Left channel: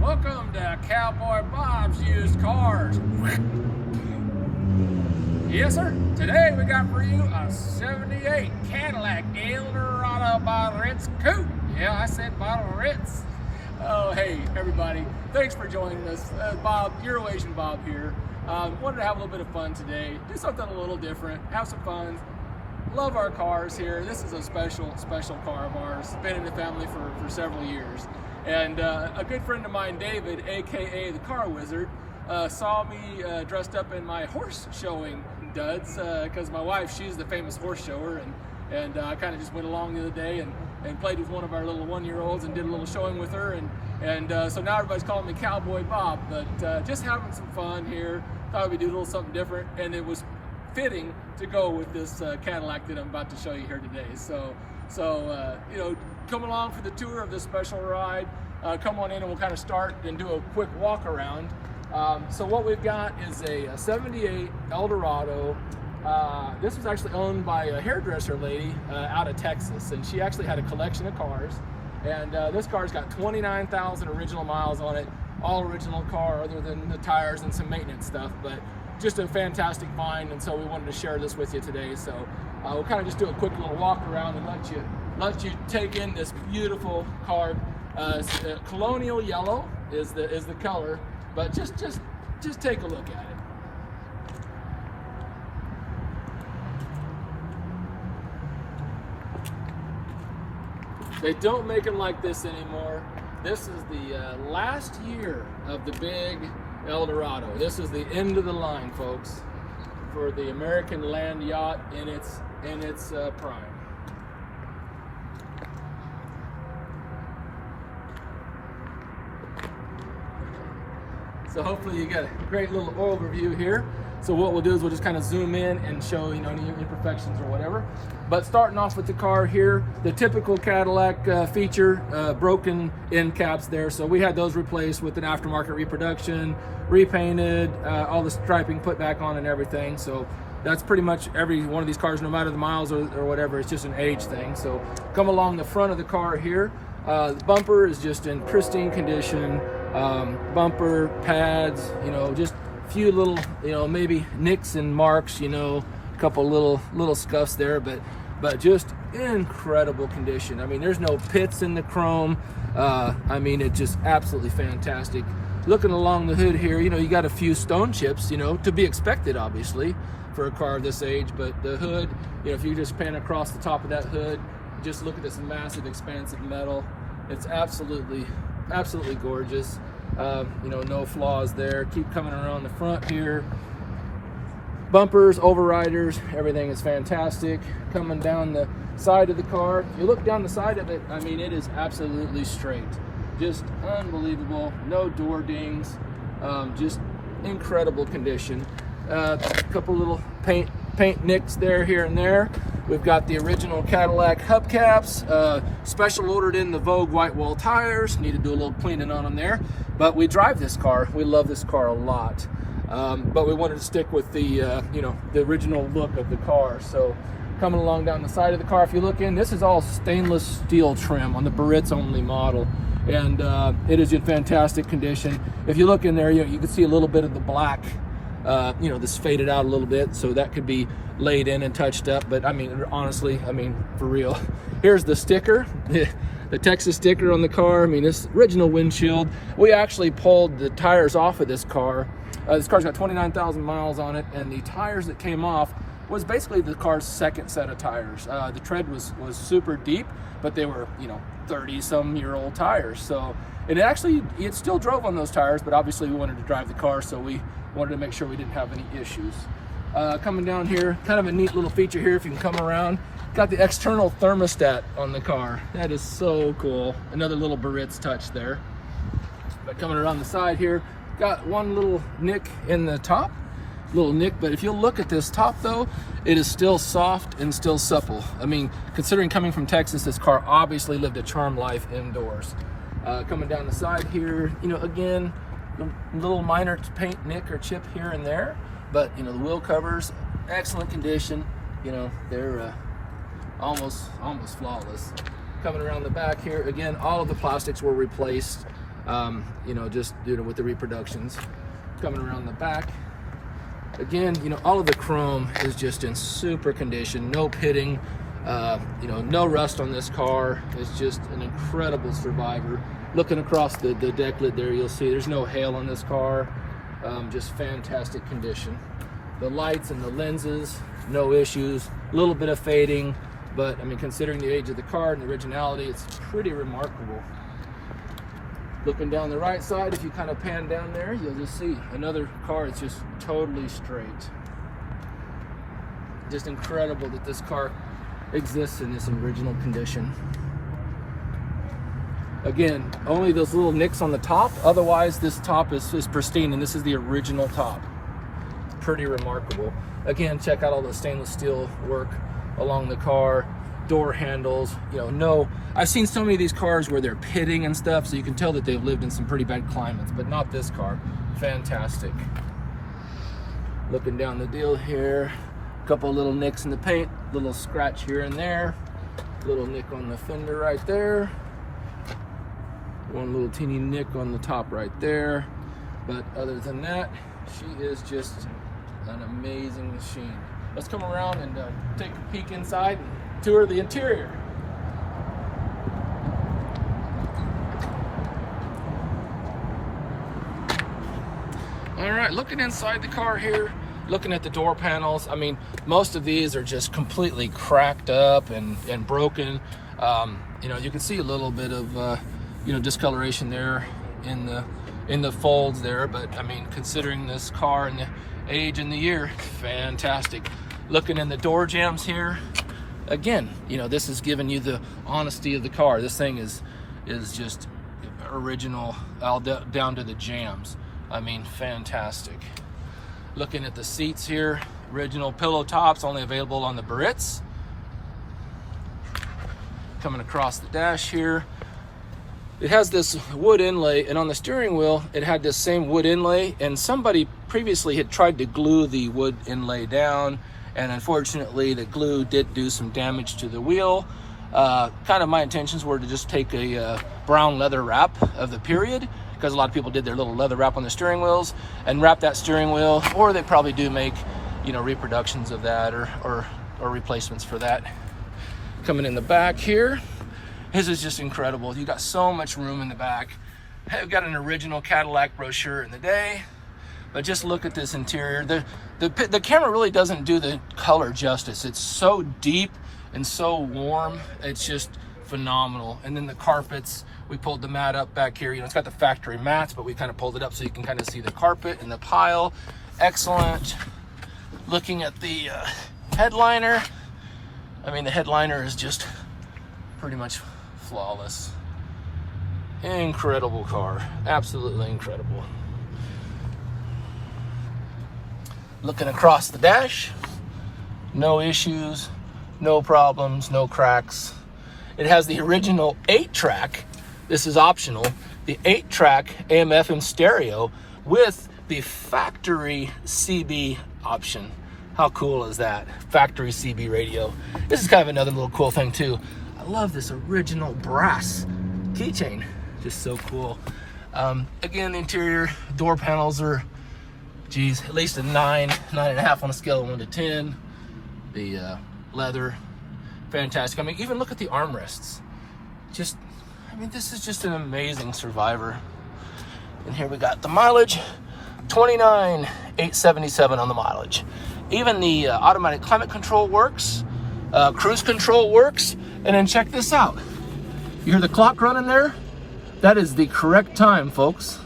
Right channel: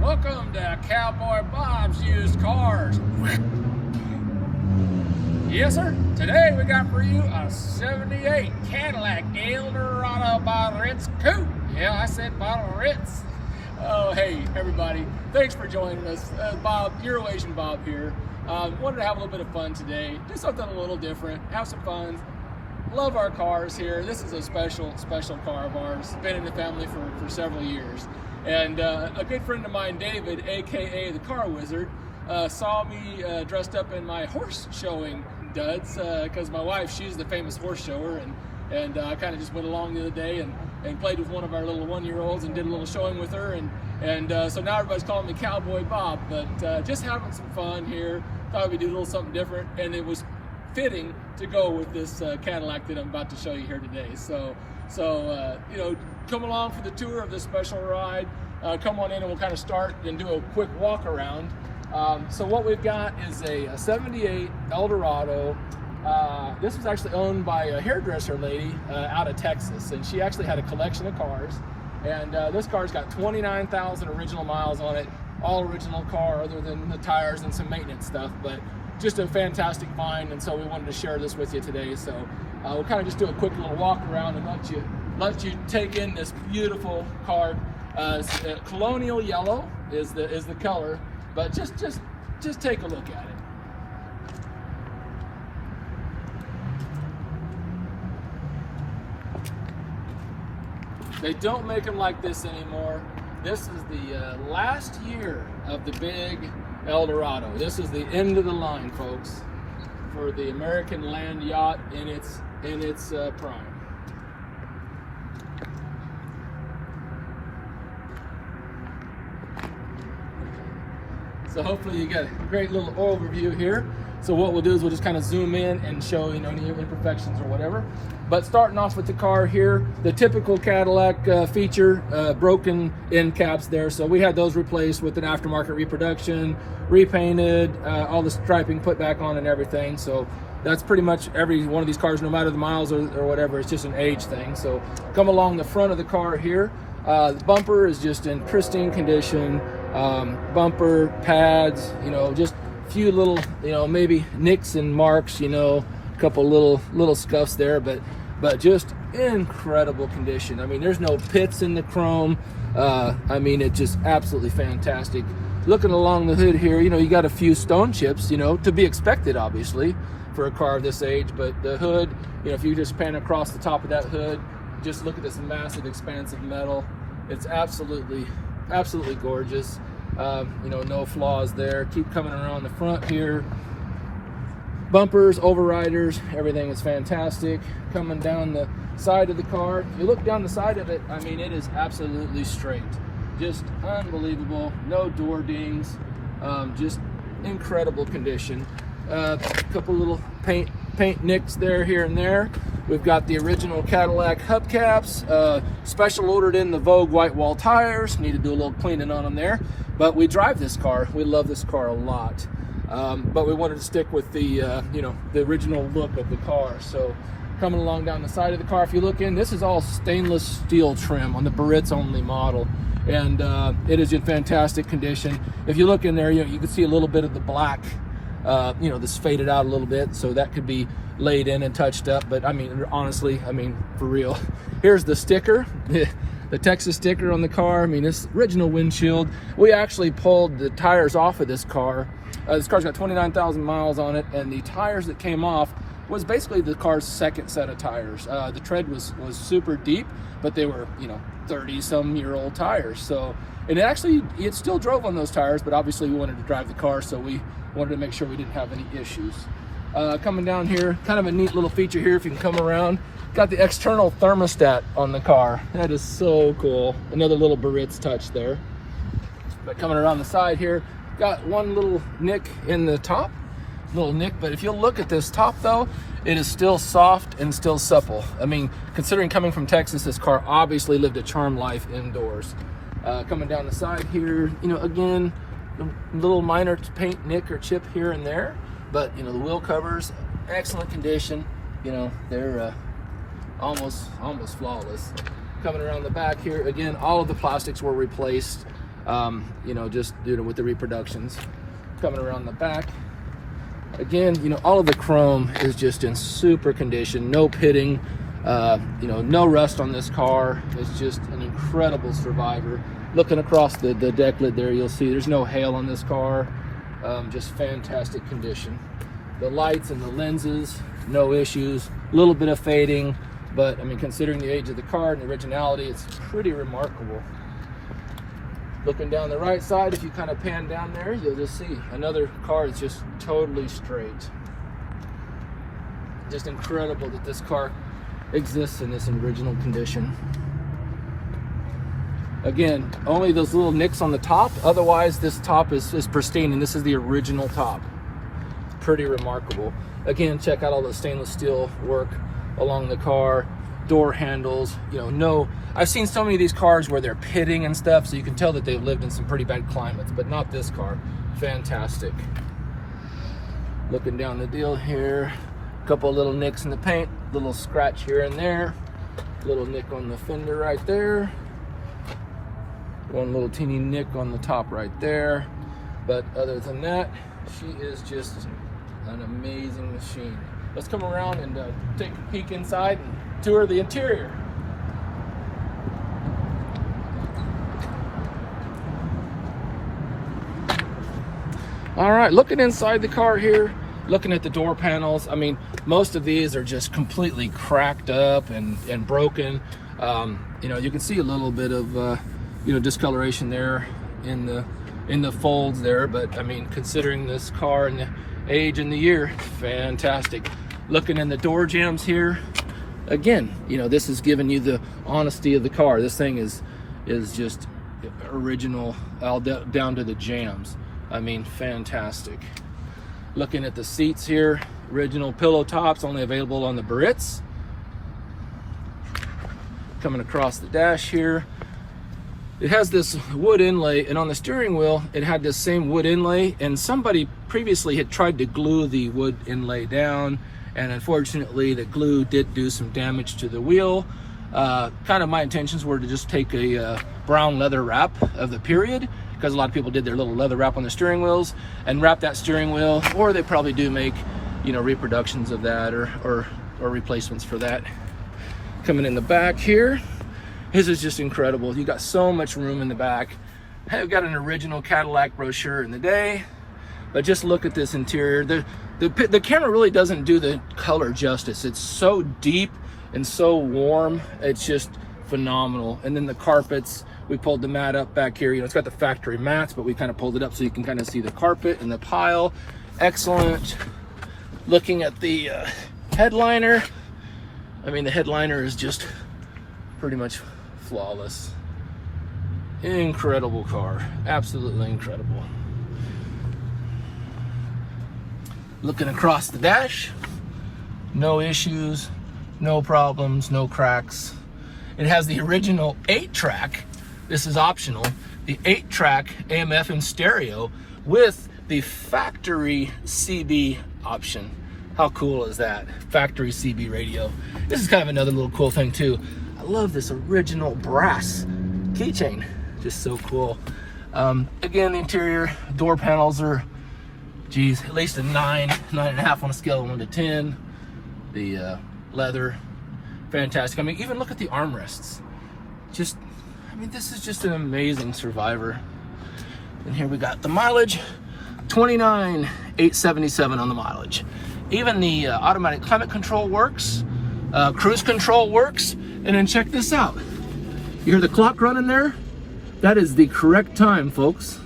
Welcome to Cowboy Bob's Used Cars. Yes, sir. Today we got for you a 78 Cadillac Eldorado Biarritz Coupe. Yeah, I said Biarritz. Oh, hey, everybody. Thanks for joining us. Bob, Eurasian Bob here. Wanted to have a little bit of fun today. Do something a little different. Have some fun. Love our cars here. This is a special car of ours. Been in the family for several years. And a good friend of mine, David, aka the Car Wizard, saw me dressed up in my horse showing duds because my wife, she's the famous horse shower, and I kind of just went along the other day and played with one of our little 1-year-olds and did a little showing with her, and so now everybody's calling me Cowboy Bob, but just having some fun here. Thought we'd do a little something different, and it was fitting to go with this Cadillac that I'm about to show you here today. So you know, come along for the tour of this special ride. Come on in and we'll kind of start and do a quick walk around. So what we've got is a 78 Eldorado. This was actually owned by a hairdresser lady out of Texas, and she actually had a collection of cars. And this car's got 29,000 original miles on it, all original car other than the tires and some maintenance stuff, but just a fantastic find, and so we wanted to share this with you today. So we'll kind of just do a quick little walk around and let you take in this beautiful car. Colonial yellow is the color, but just take a look at it. They don't make them like this anymore. This is the last year of the big Eldorado. This is the end of the line, folks, for the American land yacht in its prime. So hopefully you got a great little overview here. So what we'll do is we'll just kind of zoom in and show, you know, any imperfections or whatever. But starting off with the car here, the typical Cadillac feature, broken end caps there. So we had those replaced with an aftermarket reproduction, repainted, all the striping put back on and everything. So that's pretty much every one of these cars, no matter the miles or whatever, it's just an age thing. So come along the front of the car here. The bumper is just in pristine condition. Bumper, pads, you know, just a few little, you know, maybe nicks and marks, you know, a couple little scuffs there, but just incredible condition. I mean, there's no pits in the chrome. I mean, it's just absolutely fantastic. Looking along the hood here, you know, you got a few stone chips, you know, to be expected, obviously, for a car of this age, but the hood, you know, if you just pan across the top of that hood, just look at this massive expanse of metal. It's absolutely gorgeous. You know, no flaws there. Keep coming around the front here. Bumpers, overriders, everything is fantastic. Coming down the side of the car, you look down the side of it, I mean, it is absolutely straight. Just unbelievable. No door dings. Just incredible condition. A couple little paint nicks there, here and there. We've got the original Cadillac hubcaps, special ordered in the Vogue white wall tires. Need to do a little cleaning on them there. But we drive this car. We love this car a lot. But we wanted to stick with the, you know, the original look of the car. So coming along down the side of the car, if you look in, this is all stainless steel trim on the Biarritz only model. And it is in fantastic condition. If you look in there, you know, you can see a little bit of the black, you know, this faded out a little bit, so that could be laid in and touched up. But I mean, honestly, I mean, for real. Here's the sticker, the Texas sticker on the car. I mean, this original windshield. We actually pulled the tires off of this car. This car's got 29,000 miles on it, and the tires that came off was basically the car's second set of tires. The tread was super deep, but they were, you know, 30-some-year-old tires. So, and it still drove on those tires, but obviously we wanted to drive the car, so we wanted to make sure we didn't have any issues. Coming down here, kind of a neat little feature here, if you can come around, got the external thermostat on the car. That is so cool. Another little Biarritz touch there. But coming around the side here, got one little nick in the top, but if you look at this top though, it is still soft and still supple. I mean, considering coming from Texas, this car obviously lived a charmed life indoors. Coming down the side here, you know, again, little minor paint nick or chip here and there, but you know, the wheel covers, excellent condition. You know, they're almost flawless. Coming around the back here, again, all of the plastics were replaced. you know, just with the reproductions. Coming around the back, again, you know, all of the chrome is just in super condition, no pitting, you know, no rust on this car. It's just an incredible survivor. Looking across the deck lid there, you'll see there's no hail on this car. Just fantastic condition. The lights and the lenses, no issues. A little bit of fading, but I mean, considering the age of the car and the originality, it's pretty remarkable. Looking down the right side, if you kind of pan down there, you'll just see another car that's just totally straight. Just incredible that this car exists in this original condition. Again, only those little nicks on the top, otherwise this top is pristine, and this is the original top. Pretty remarkable. Again, check out all the stainless steel work along the car, door handles, you know, no, I've seen so many of these cars where they're pitting and stuff, so you can tell that they've lived in some pretty bad climates, but not this car. Fantastic. Looking down the deal here, a couple of little nicks in the paint, little scratch here and there, little nick on the fender right there, one little teeny nick on the top right there, but other than that, she is just an amazing machine. Let's come around and take a peek inside and tour the interior. All right, looking inside the car here, looking at the door panels, I mean, most of these are just completely cracked up and broken. You know, you can see a little bit of you know, discoloration there in the folds there, but I mean, considering this car and the age and the year, fantastic. Looking in the door jambs here, again, you know, this is giving you the honesty of the car. This thing is just original, all down to the jambs. I mean, fantastic. Looking at the seats here, original pillow tops, only available on the Biarritz. Coming across the dash here, it has this wood inlay, and on the steering wheel, it had this same wood inlay, and somebody previously had tried to glue the wood inlay down, and unfortunately the glue did do some damage to the wheel. Kind of my intentions were to just take a brown leather wrap of the period, because a lot of people did their little leather wrap on the steering wheels and wrap that steering wheel, or they probably do make, you know, reproductions of that or replacements for that. Coming in the back here, this is just incredible. You got so much room in the back. I've got an original Cadillac brochure in the day, but just look at this interior. The camera really doesn't do the color justice. It's so deep and so warm. It's just phenomenal. And then the carpets, we pulled the mat up back here. You know, it's got the factory mats, but we kind of pulled it up so you can kind of see the carpet and the pile. Excellent. Looking at the headliner, I mean, the headliner is just pretty much flawless. Incredible car, absolutely incredible. Looking across the dash, no issues, no problems, no cracks. It has the original 8-track, this is optional, the 8-track AM/FM stereo with the factory CB option. How cool is that? Factory CB radio. This is kind of another little cool thing too. I love this original brass keychain, just so cool. Again, the interior door panels are, geez, at least a 9.5 on a scale of 1 to 10. The leather, fantastic. I mean, even look at the armrests. Just, I mean, this is just an amazing survivor. And here we got the mileage, 29,877 on the mileage. Even the automatic climate control works, cruise control works, and then check this out. You hear the clock running there? That is the correct time, folks.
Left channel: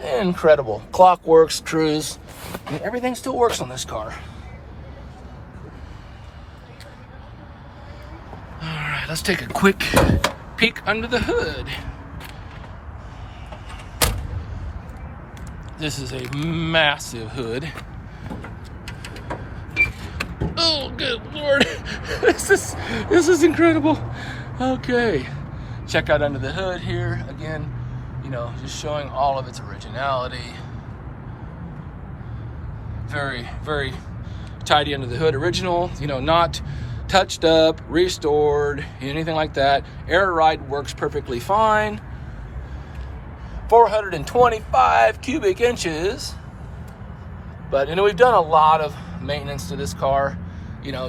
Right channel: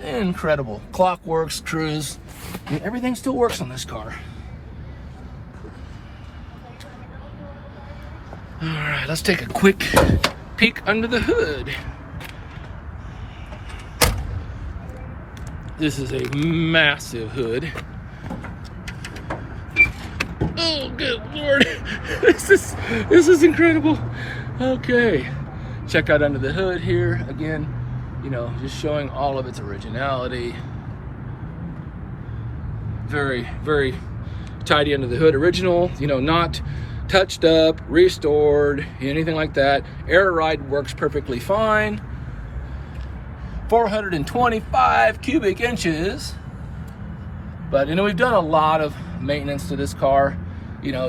Incredible. Clock works, cruise, and everything still works on this car. All right, let's take a quick peek under the hood. This is a massive hood. Oh, good Lord. This is incredible. Okay. Check out under the hood here. Again, you know, just showing all of its originality. Very, very tidy under the hood. Original, you know, not touched up, restored, anything like that. Air ride works perfectly fine. 425 cubic inches. But we've done a lot of maintenance to this car.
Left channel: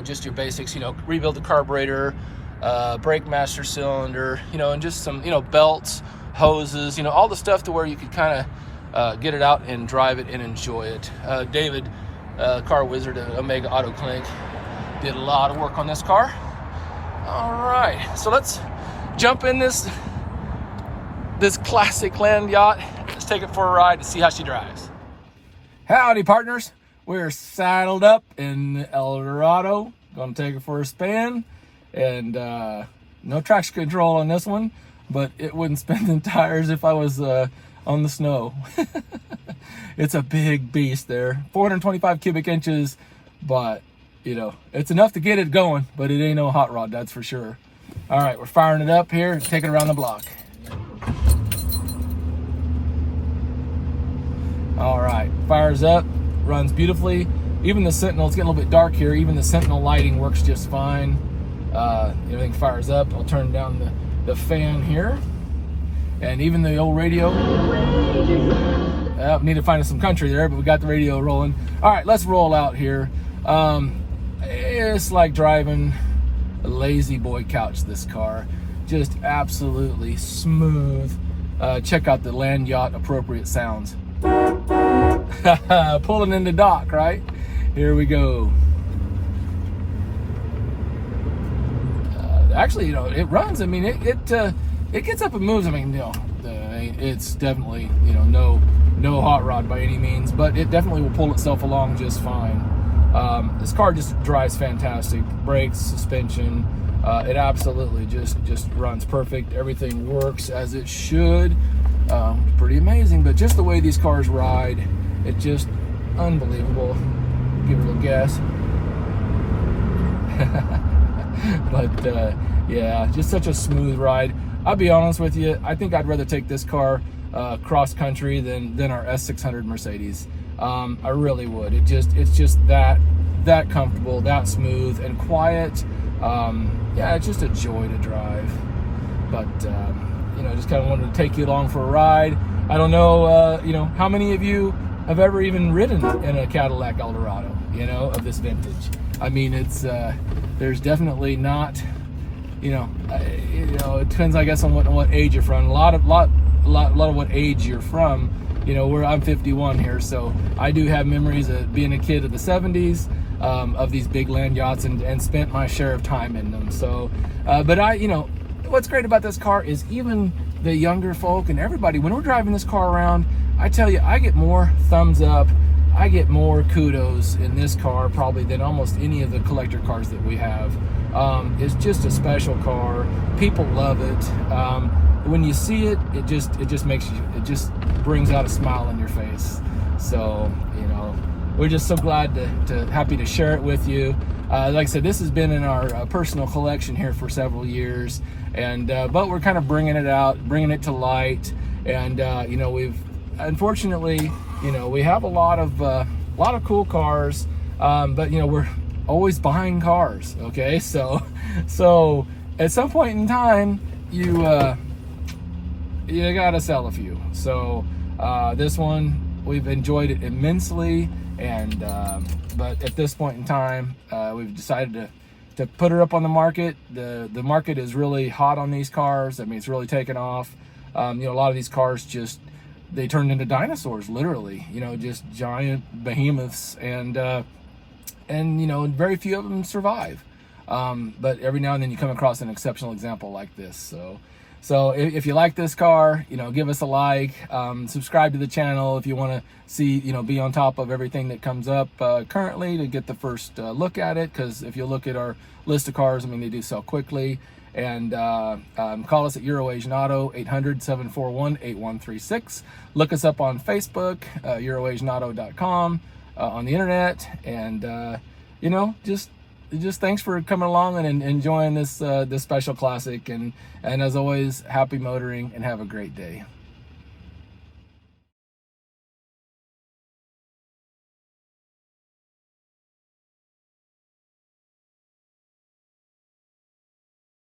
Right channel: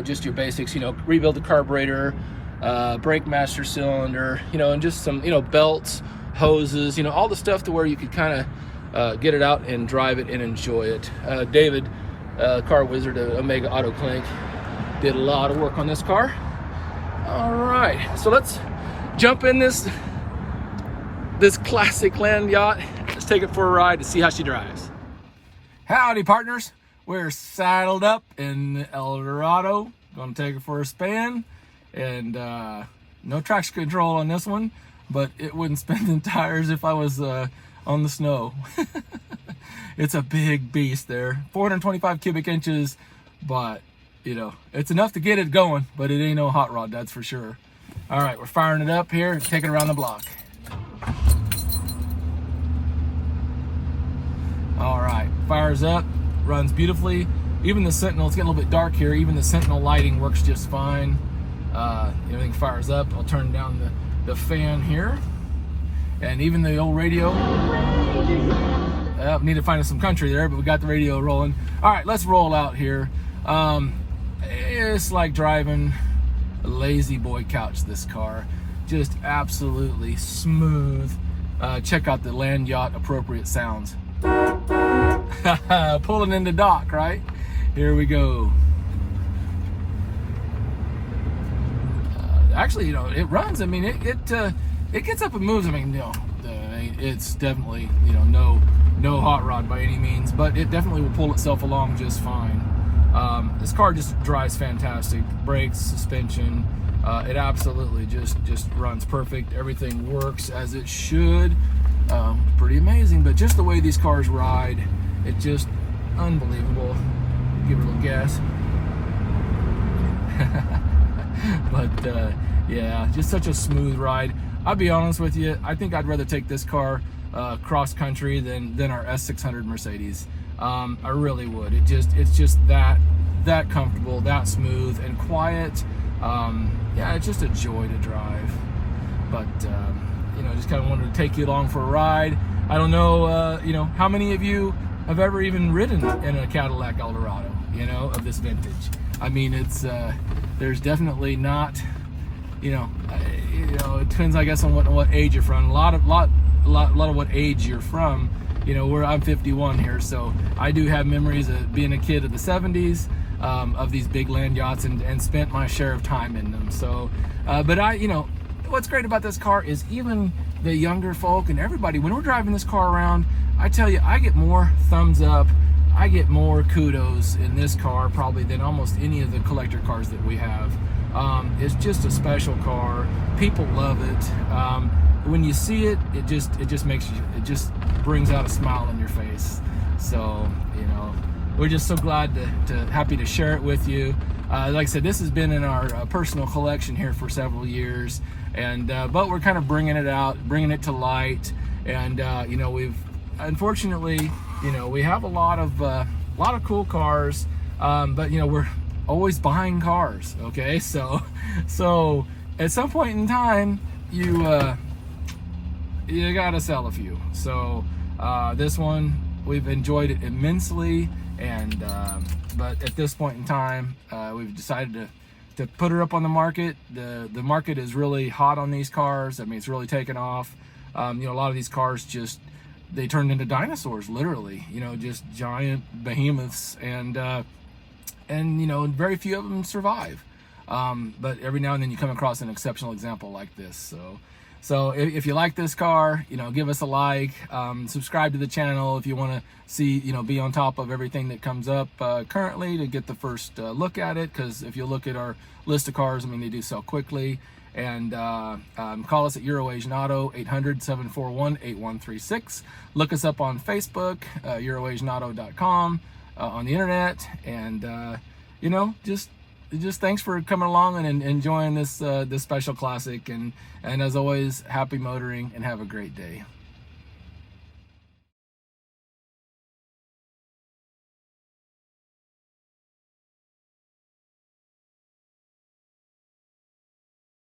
Just your basics, rebuild the carburetor, brake master cylinder, and just some, belts, hoses, all the stuff to where you could kind of get it out and drive it and enjoy it. David, car wizard at Omega Auto Clinic, did a lot of work on this car. All right, so let's jump in this classic land yacht. Let's take it for a ride to see how she drives. Howdy, partners. We're saddled up in the Eldorado. Gonna take it for a spin. And no traction control on this one, but it wouldn't spin the tires if I was on the snow. It's a big beast there. 425 cubic inches, but it's enough to get it going, but it ain't no hot rod, that's for sure. All right, we're firing it up here and taking it around the block. All right, fires up, runs beautifully. Even the Sentinel, it's getting a little bit dark here. Even the Sentinel lighting works just fine. Everything fires up. I'll turn down the fan here. And even the old radio. Need to find us some country there, but we got the radio rolling. All right, let's roll out here. It's like driving a lazy boy couch, this car. Just absolutely smooth. Check out the land yacht appropriate sounds. Pulling in the dock, right? Here we go. Actually, it runs. I mean, it gets up and moves. I mean, it's definitely, no hot rod by any means, but it definitely will pull itself along just fine. This car just drives fantastic. Brakes, suspension, it absolutely just runs perfect. Everything works as it should. Pretty amazing, but just the way these cars ride, it's just unbelievable. Give it a little gas. But yeah, just such a smooth ride. I'll be honest with you, I think I'd rather take this car cross country than our S600 Mercedes. I really would. It's just that comfortable, that smooth and quiet. Yeah, it's just a joy to drive. But just kind of wanted to take you along for a ride. I don't know, how many of you have ever even ridden in a Cadillac Eldorado, of this vintage. I mean, it's there's definitely not, it depends, I guess, on what age you're from. A lot of what age you're from. Where I'm 51 here, so I do have memories of being a kid of the 70s, of these big land yachts, and spent my share of time in them. So, but what's great about this car is even the younger folk and everybody, when we're driving this car around, I tell you, I get more thumbs up, I get more kudos in this car probably than almost any of the collector cars that we have. It's just a special car. People love it. When you see it, it just brings out a smile on your face. So, we're just so glad happy to share it with you. Like I said, this has been in our personal collection here for several years, and but we're kind of bringing it out, bringing it to light, and we've unfortunately, we have a lot of cool cars, but we're always buying cars. Okay, so at some point in time, you gotta sell a few. So this one, we've enjoyed it immensely, and but at this point in time, we've decided to put her up on the market. The market is really hot on these cars. I mean, it's really taken off. A lot of these cars they turned into dinosaurs, literally. Just giant behemoths, and very few of them survive. But every now and then you come across an exceptional example like this. So if you like this car, give us a like, subscribe to the channel if you want to see, be on top of everything that comes up currently, to get the first look at it. Because if you look at our list of cars, I mean, they do sell quickly. And call us at Asian Auto, 800-741-8136. Look us up on Facebook, EuroAsianAuto.com, on the internet, and just thanks for coming along and enjoying this special classic, and as always, happy motoring and have a great day.